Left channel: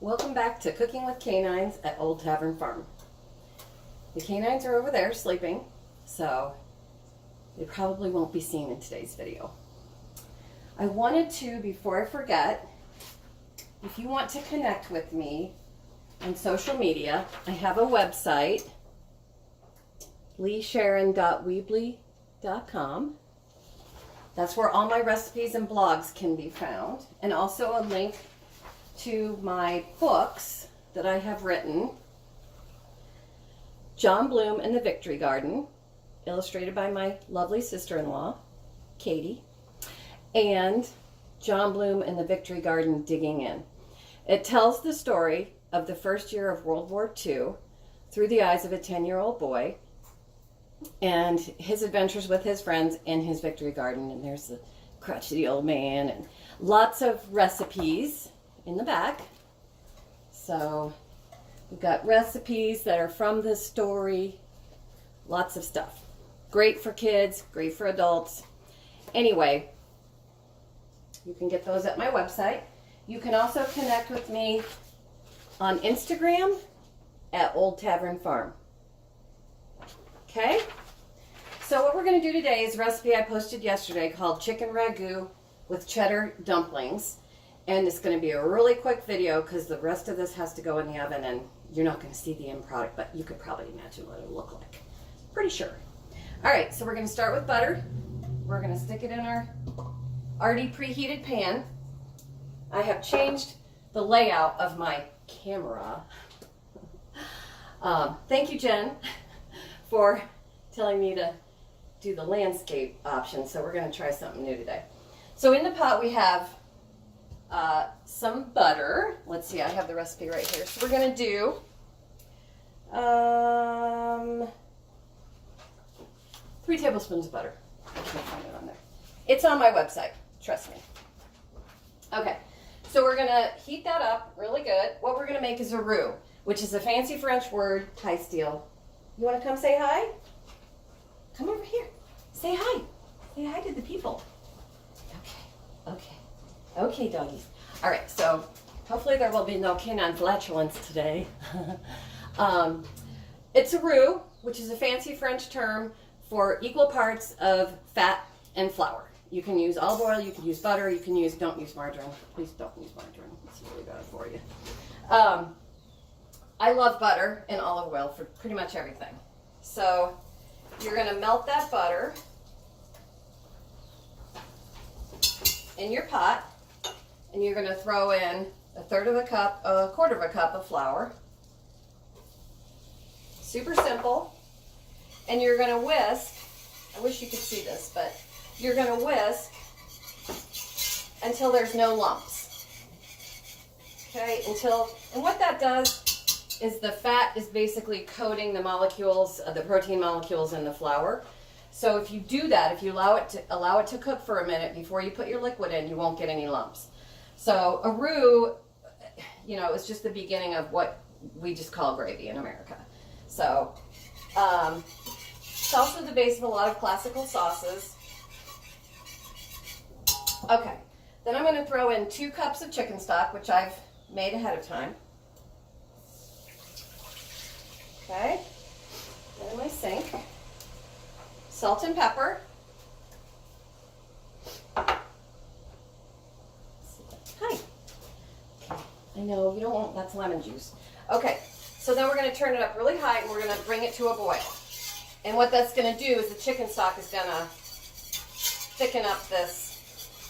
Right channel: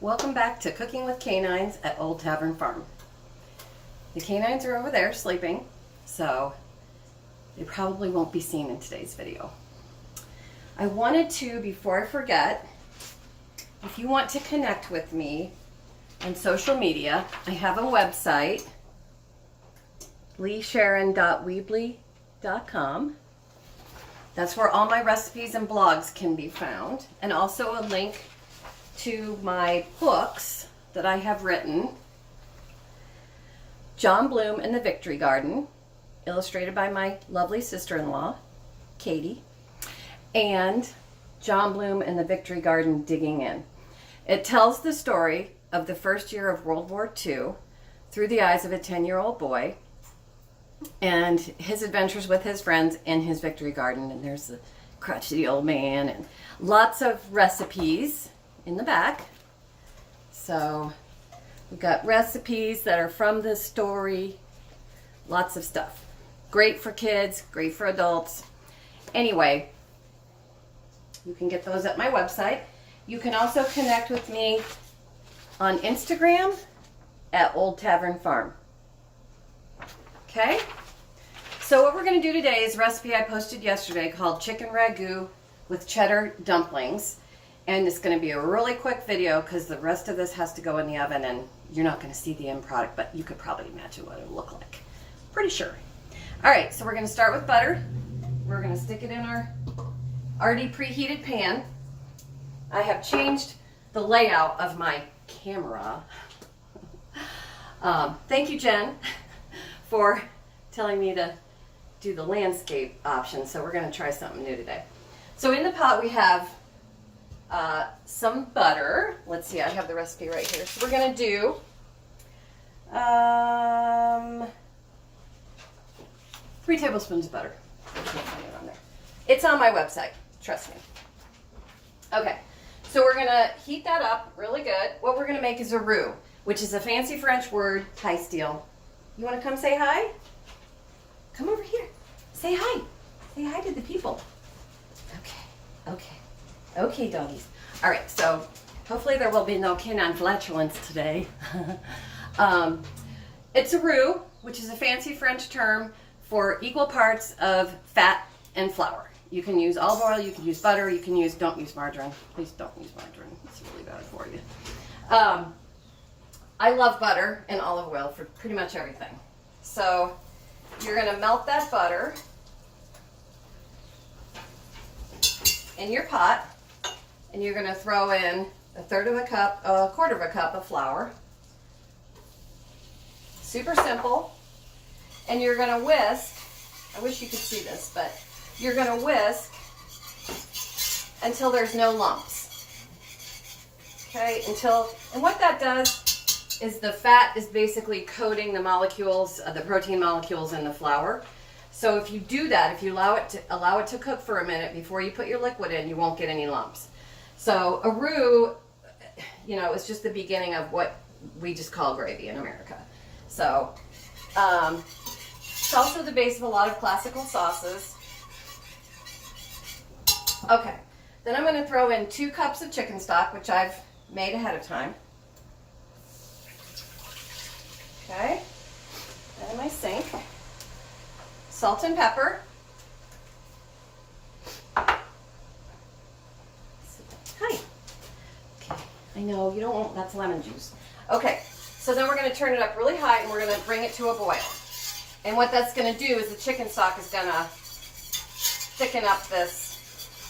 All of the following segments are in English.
Welcome back to Cooking with Canines at Old Tavern Farm. The canines are over there sleeping, so they probably won't be seen in today's video. I wanted to, before I forget, if you want to connect with me on social media, I have a website, leesharon.weebly.com. That's where all my recipes and blogs can be found, and also a link to my books that I have written. John Bloom and the Victory Garden, illustrated by my lovely sister-in-law, Katie, and John Bloom and the Victory Garden Digging In. It tells the story of the first year of World War II through the eyes of a 10-year-old boy and his adventures with his friends in his Victory Garden. And there's the crotchety old man and lots of recipes in the back. So we've got recipes that are from this story, lots of stuff. Great for kids, great for adults. Anyway, you can get those at my website. You can also connect with me on Instagram at Old Tavern Farm. Okay? So what we're going to do today is a recipe I posted yesterday called chicken ragout with cheddar dumplings. And it's going to be a really quick video because the rest of this has to go in the oven and you're not going to see the end product, but you could probably imagine what it'll look like. Pretty sure. All right, so we're going to start with butter. We're going to stick it in our already preheated pan. I have changed the layout of my camera. Thank you, Jen, for telling me to do the landscape option. So we're going to try something new today. So in the pot we have some butter. Let's see, I have the recipe right here. So we're going to do 3 tablespoons of butter. I can't find it on there. It's on my website, trust me. Okay, so we're going to heat that up really good. What we're going to make is a roux, which is a fancy French word. Hi, Steele. You want to come say hi? Come over here. Say hi. Say hi to the people. Okay, doggies. All right, so hopefully there will be no canine flatulence today. It's a roux, which is a fancy French term for equal parts of fat and flour. You can use olive oil, you can use butter, you can use, don't use margarine. Please don't use margarine. It's really bad for you. I love butter and olive oil for pretty much everything. So you're going to melt that butter in your pot. And you're going to throw in a quarter of a cup of flour. Super simple. And you're going to whisk. I wish you could see this, but you're going to whisk until there's no lumps. Okay, and what that does is the fat is basically coating the molecules, the protein molecules in the flour. So if you do that, if you allow it to cook for a minute before you put your liquid in, you won't get any lumps. So a roux, is just the beginning of what we just call gravy in America. So it's also the base of a lot of classical sauces. Okay, then I'm going to throw in 2 cups of chicken stock, which I've made ahead of time. Okay, in my sink. Salt and pepper. Hi. Okay, I know you don't want, that's lemon juice. Okay, so then we're going to turn it up really high and we're going to bring it to a boil. And what that's going to do is the chicken stock is going to thicken up this,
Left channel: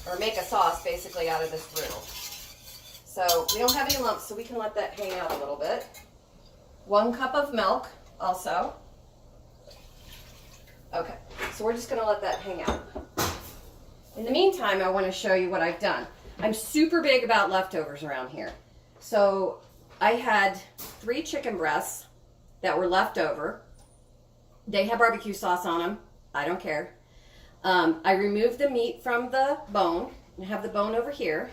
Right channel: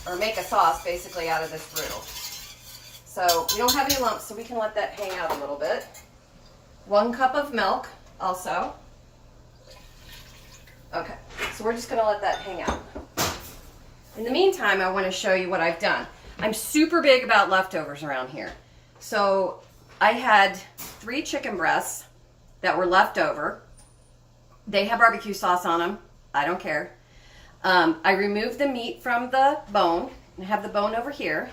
or make a sauce basically out of this roux. So we don't have any lumps, so we can let that hang out a little bit. 1 cup of milk also. Okay, so we're just going to let that hang out. In the meantime, I want to show you what I've done. I'm super big about leftovers around here. So I had 3 chicken breasts that were left over. They have barbecue sauce on them. I don't care. I removed the meat from the bone and have the bone over here.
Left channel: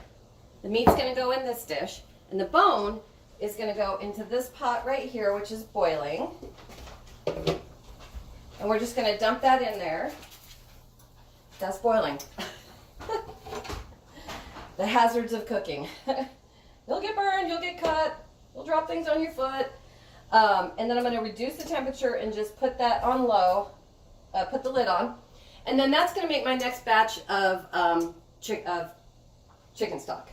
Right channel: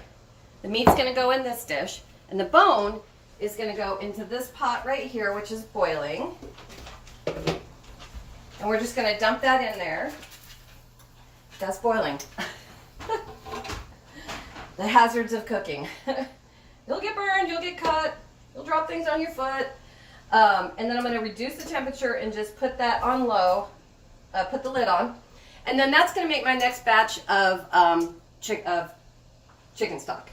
The meat's going to go in this dish, and the bone is going to go into this pot right here, which is boiling. And we're just going to dump that in there. That's boiling. The hazards of cooking. You'll get burned, you'll get cut, you'll drop things on your foot. And then I'm going to reduce the temperature and just put that on low, put the lid on. And then that's going to make my next batch of chicken stock.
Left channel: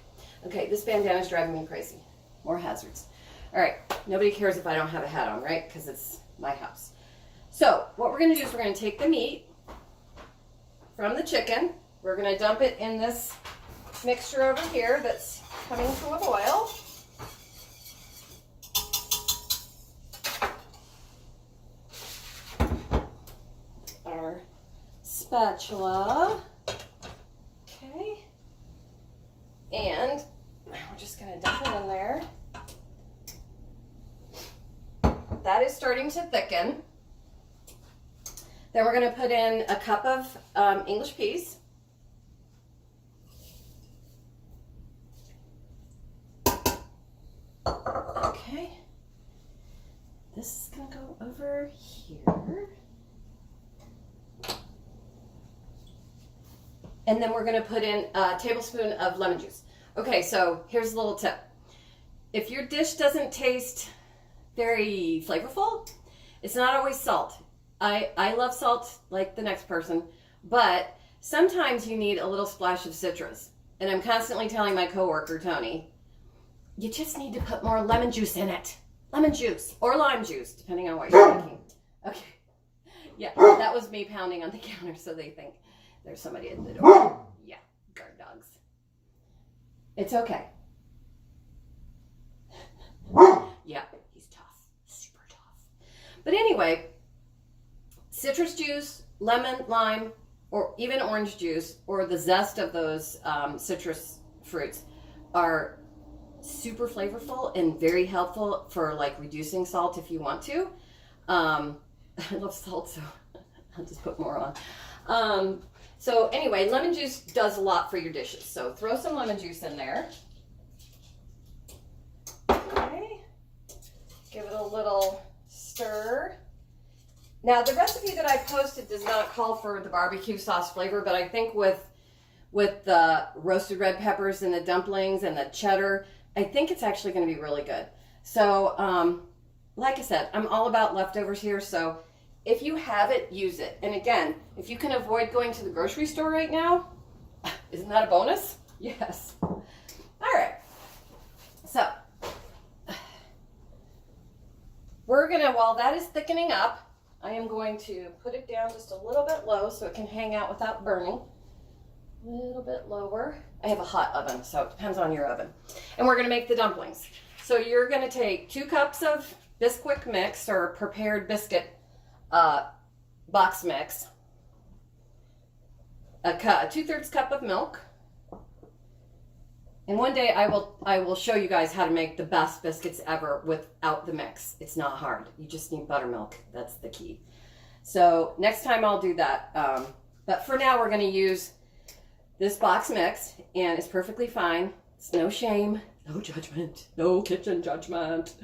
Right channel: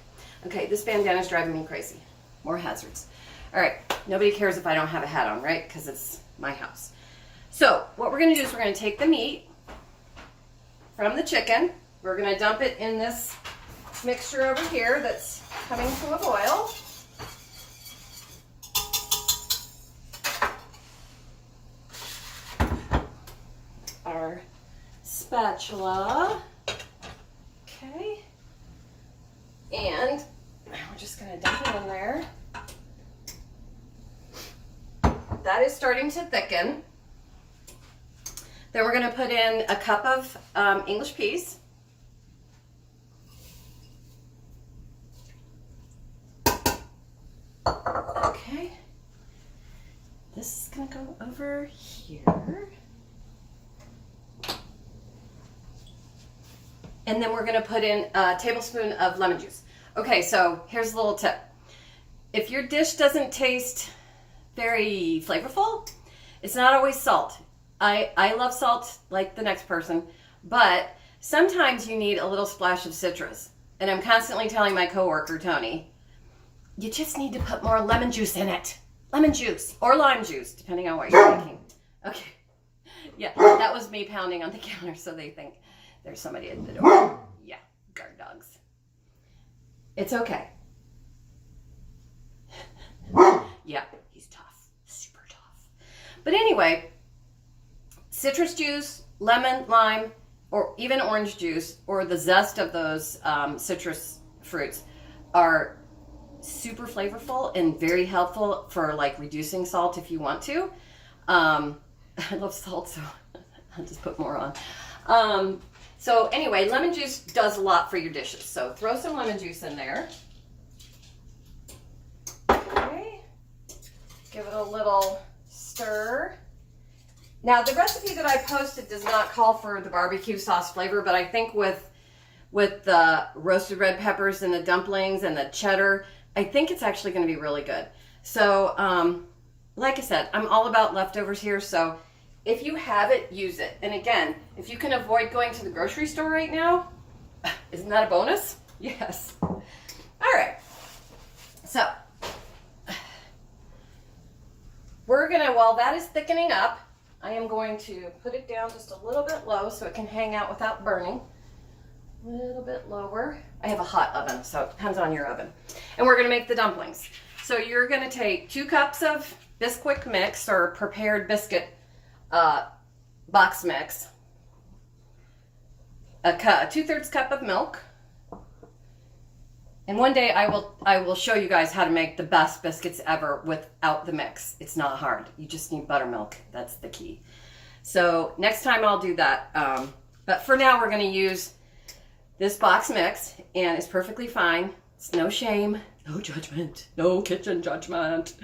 Okay, this bandana is driving me crazy. More hazards. All right, nobody cares if I don't have a hat on, right? Because it's my house. So what we're going to do is we're going to take the meat from the chicken. We're going to dump it in this mixture over here that's coming to a boil. Our spatula. Okay. And we're just going to dump it in there. That is starting to thicken. Then we're going to put in a cup of English peas. Okay. This is going to go over here. And then we're going to put in a tablespoon of lemon juice. Okay, so here's a little tip. If your dish doesn't taste very flavorful, it's not always salt. I love salt like the next person, but sometimes you need a little splash of citrus. And I'm constantly telling my coworker, Tony, you just need to put more lemon juice in it. Lemon juice or lime juice, depending on what you're making. Okay. Yeah, that was me pounding on the counter so they think there's somebody at the door. Yeah, guard dogs. It's okay. Yeah, he's tough. Super tough. But anyway, citrus juice, lemon, lime, or even orange juice, or the zest of those citrus fruits are super flavorful and very helpful for like reducing salt if you want to. I love salt, so I'll just put more on. So anyway, lemon juice does a lot for your dishes. So throw some lemon juice in there. Okay. Give it a little stir. Now the recipe that I posted does not call for the barbecue sauce flavor, but I think with the roasted red peppers and the dumplings and the cheddar, I think it's actually going to be really good. So like I said, I'm all about leftovers here, so if you have it, use it. And again, if you can avoid going to the grocery store right now, isn't that a bonus? Yes. All right. So we're gonna, while that is thickening up, I am going to put it down just a little bit low so it can hang out without burning. A little bit lower. I have a hot oven, so it depends on your oven. And we're gonna make the dumplings. So you're gonna take 2 cups of Bisquick mix or prepared biscuit box mix, a 2/3 cup of milk, and one day I will show you guys how to make the best biscuits ever without the mix. It's not hard. You just need buttermilk. That's the key. So next time I'll do that. But for now we're going to use this box mix, and it's perfectly fine. It's no shame, no judgment, no kitchen judgment.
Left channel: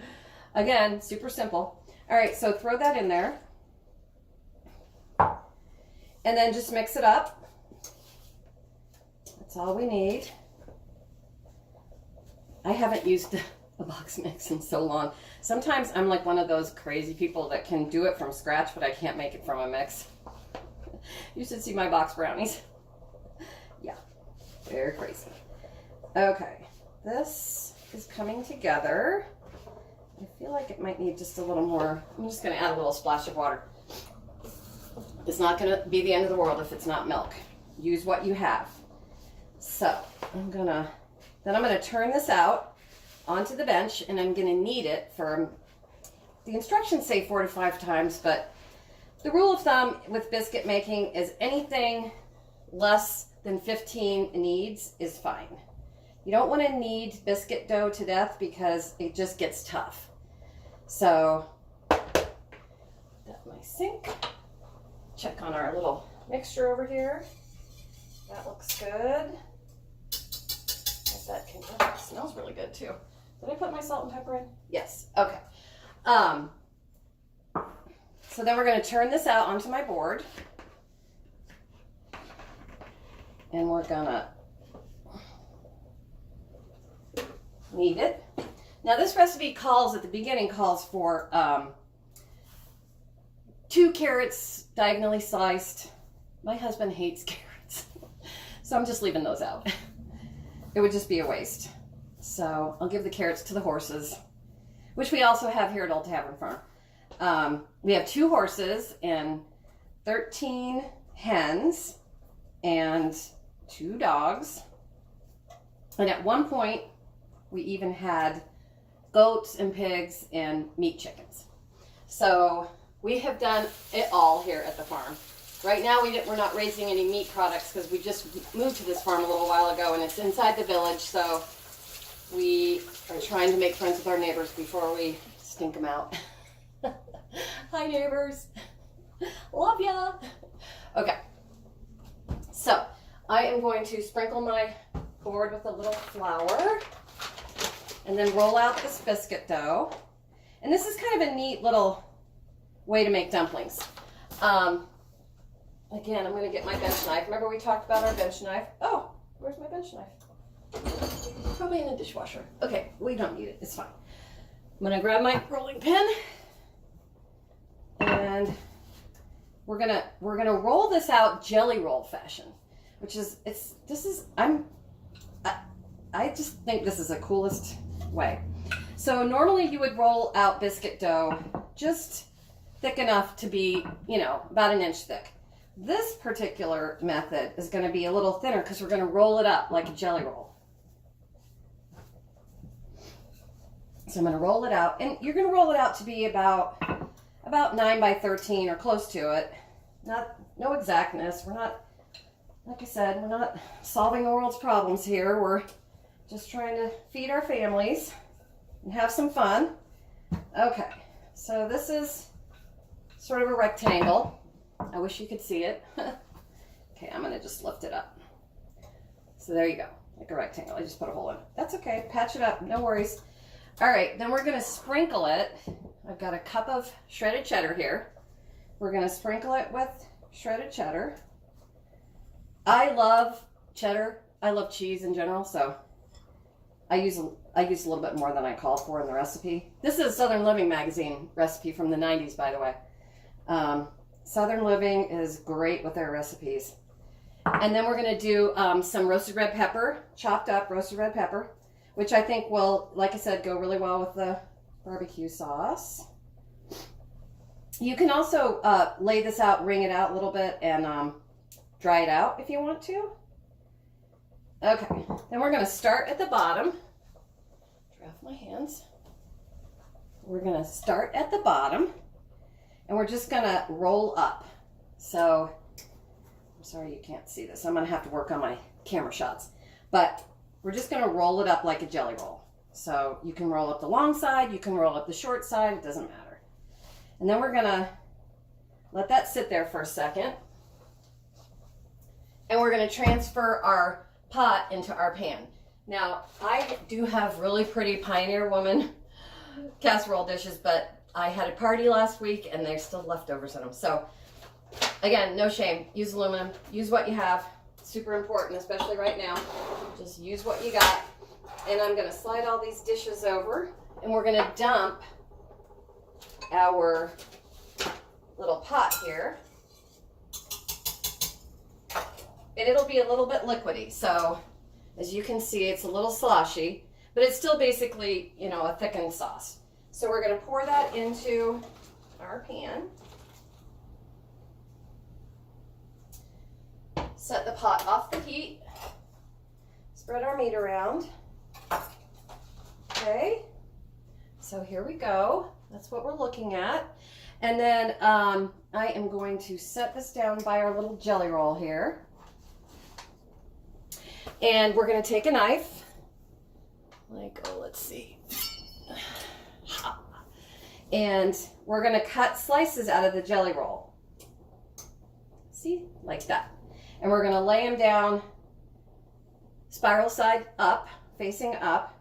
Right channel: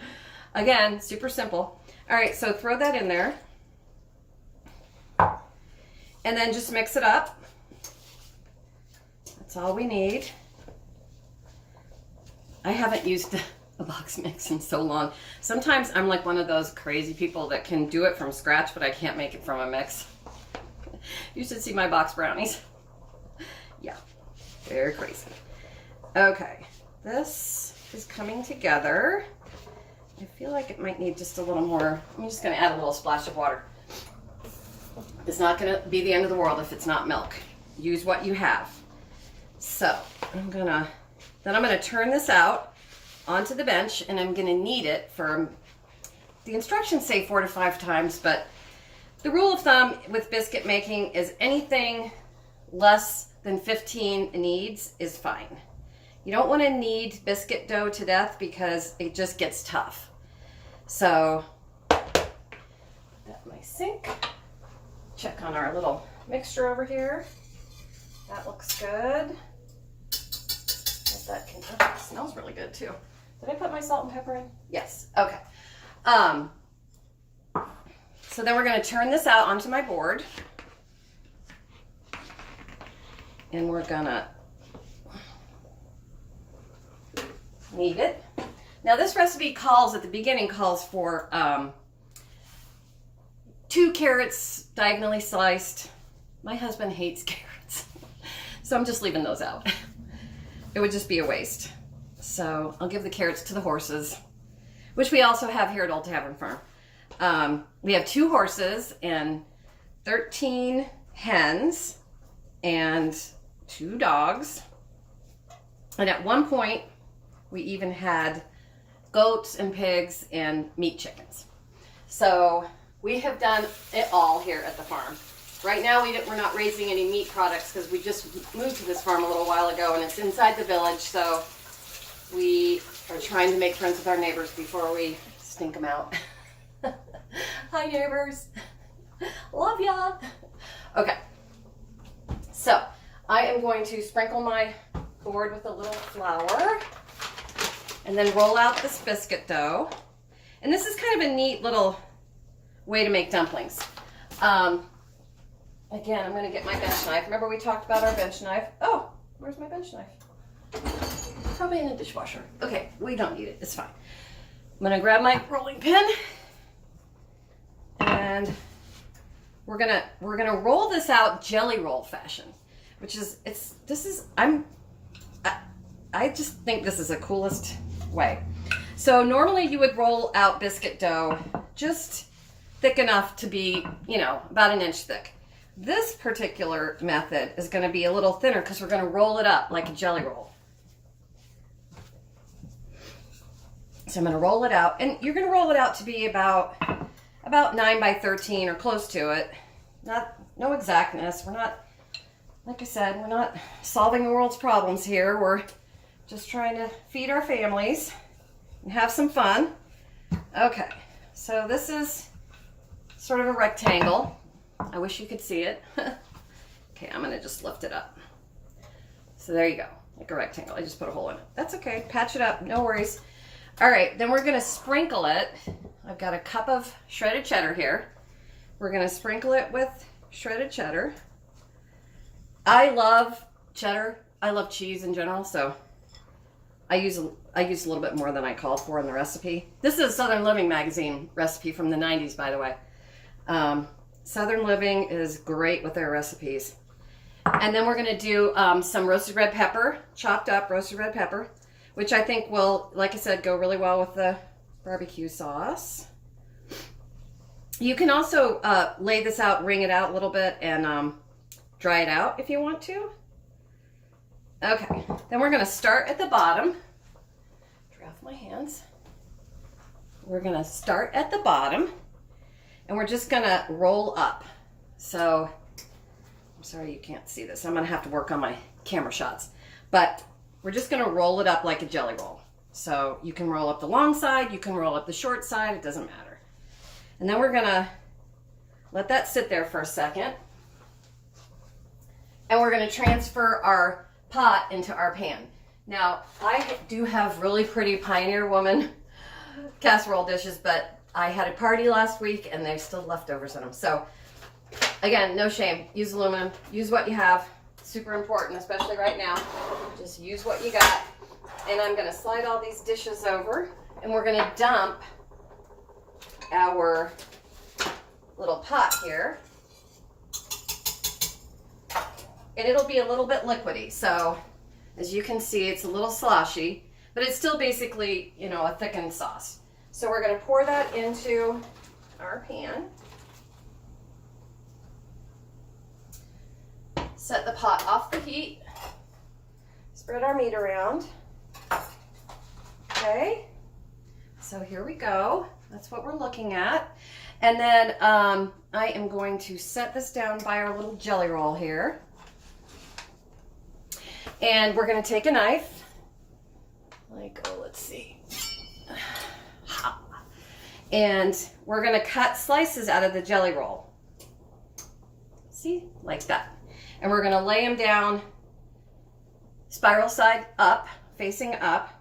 Again, super simple. All right, so throw that in there. And then just mix it up. That's all we need. I haven't used a box mix in so long. Sometimes I'm like one of those crazy people that can do it from scratch, but I can't make it from a mix. You should see my box brownies. Yeah, they're crazy. Okay, this is coming together. I feel like it might need just a little more. I'm just going to add a little splash of water. It's not going to be the end of the world if it's not milk. Use what you have. So I'm going to turn this out onto the bench, and I'm going to knead it for, the instructions say 4 to 5 times, but the rule of thumb with biscuit making is anything less than 15 kneads is fine. You don't want to knead biscuit dough to death because it just gets tough. So put that in my sink. Check on our little mixture over here. That looks good. That can, oh, it smells really good too. Did I put my salt and pepper in? Yes. Okay. So then we're going to turn this out onto my board. And we're going to need it. Now this recipe calls, at the beginning, calls for 2 carrots diagonally sliced. My husband hates carrots, so I'm just leaving those out. It would just be a waste. So I'll give the carrots to the horses, which we also have here at Old Tavern Farm. We have 2 horses and 13 hens and 2 dogs. And at one point, we even had goats and pigs and meat chickens. So we have done it all here at the farm. Right now, we're not raising any meat products because we just moved to this farm a little while ago, and it's inside the village, so we are trying to make friends with our neighbors before we stink them out. Hi, neighbors. Love ya. Okay. So I am going to sprinkle my board with a little flour and then roll out this biscuit dough. And this is kind of a neat little way to make dumplings. Again, I'm going to get my bench knife. Remember we talked about our bench knife? Oh, where's my bench knife? Probably in the dishwasher. Okay, we don't need it. It's fine. I'm going to grab my rolling pin and we're gonna roll this out jelly roll fashion, which is I just think this is the coolest way. So normally you would roll out biscuit dough just thick enough to be, about an inch thick. This particular method is going to be a little thinner because we're going to roll it up like a jelly roll. So I'm going to roll it out, and you're going to roll it out to be about 9 by 13 or close to it. No exactness. We're not, like I said, we're not solving the world's problems here. We're just trying to feed our families and have some fun. Okay, so this is sort of a rectangle. I wish you could see it. Okay, I'm gonna just lift it up. So there you go, like a rectangle. I just put a hole in it. That's okay, patch it up, no worries. All right, then we're gonna sprinkle it. I've got a cup of shredded cheddar here. We're gonna sprinkle it with shredded cheddar. I love cheddar. I love cheese in general, so I use a little bit more than I called for in the recipe. This is a Southern Living magazine recipe from the 90s, by the way. Southern Living is great with their recipes. And then we're gonna do some roasted red pepper, chopped up roasted red pepper, which I think will, like I said, go really well with the barbecue sauce. You can also lay this out, wring it out a little bit, and dry it out if you want to. Okay, then we're gonna start at the bottom. Dry off my hands. We're gonna start at the bottom, and we're just gonna roll up. So, I'm sorry you can't see this. I'm gonna have to work on my camera shots. But we're just gonna roll it up like a jelly roll. So you can roll up the long side, you can roll up the short side, it doesn't matter. And then we're gonna let that sit there for a second. And we're gonna transfer our pot into our pan. Now, I do have really pretty Pioneer Woman casserole dishes, but I had a party last week and there's still leftovers in them. So again, no shame, use aluminum, use what you have. Super important, especially right now. Just use what you got. And I'm gonna slide all these dishes over and we're gonna dump our little pot here. And it'll be a little bit liquidy. So as you can see, it's a little sloshy, but it's still basically, a thickened sauce. So we're gonna pour that into our pan. Set the pot off the heat. Spread our meat around. Okay, so here we go. That's what we're looking at. And then I am going to set this down by our little jelly roll here. And we're gonna take a knife, let's see. And we're gonna cut slices out of the jelly roll. See, like that. And we're gonna lay them down spiral side up, facing up,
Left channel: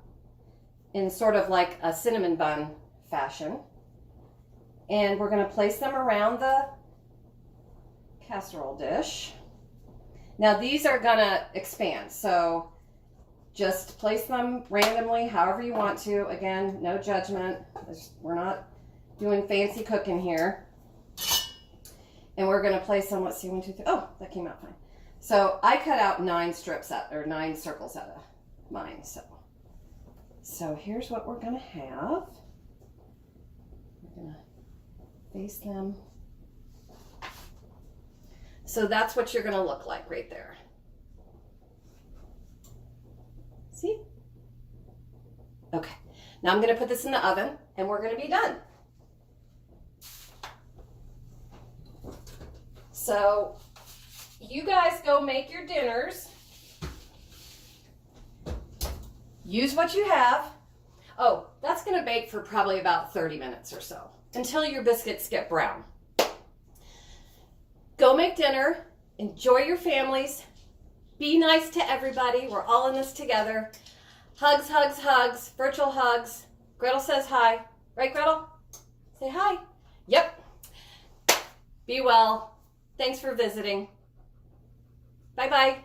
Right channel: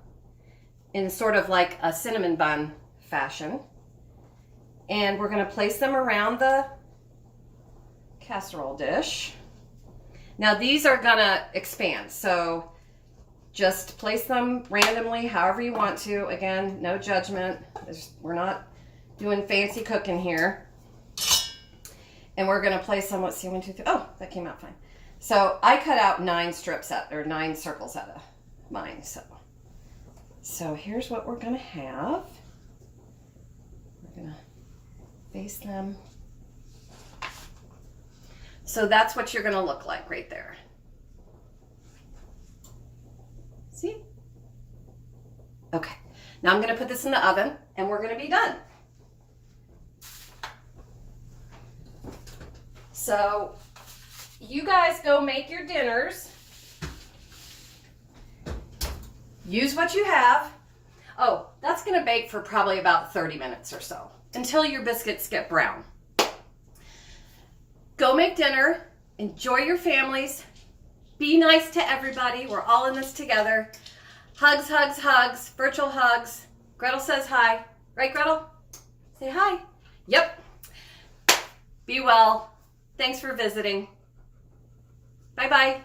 in sort of like a cinnamon bun fashion. And we're gonna place them around the casserole dish. Now these are gonna expand, so Just place them randomly, however you want to. Again, no judgment. We're not doing fancy cooking here. And we're gonna place them, let's see, 1, 2, 3. Oh, that came out fine. So I cut out 9 strips out, or 9 circles out of mine. So here's what we're gonna have. We're gonna face them. So that's what you're gonna look like right there. See? Okay, now I'm gonna put this in the oven and we're gonna be done. So you guys go make your dinners. Use what you have. Oh, that's gonna bake for probably about 30 minutes or so until your biscuits get brown. Go make dinner, enjoy your families, be nice to everybody. We're all in this together. Hugs, hugs, hugs, virtual hugs. Gretel says hi. Right, Gretel? Say hi. Yep. Be well. Thanks for visiting. Bye-bye.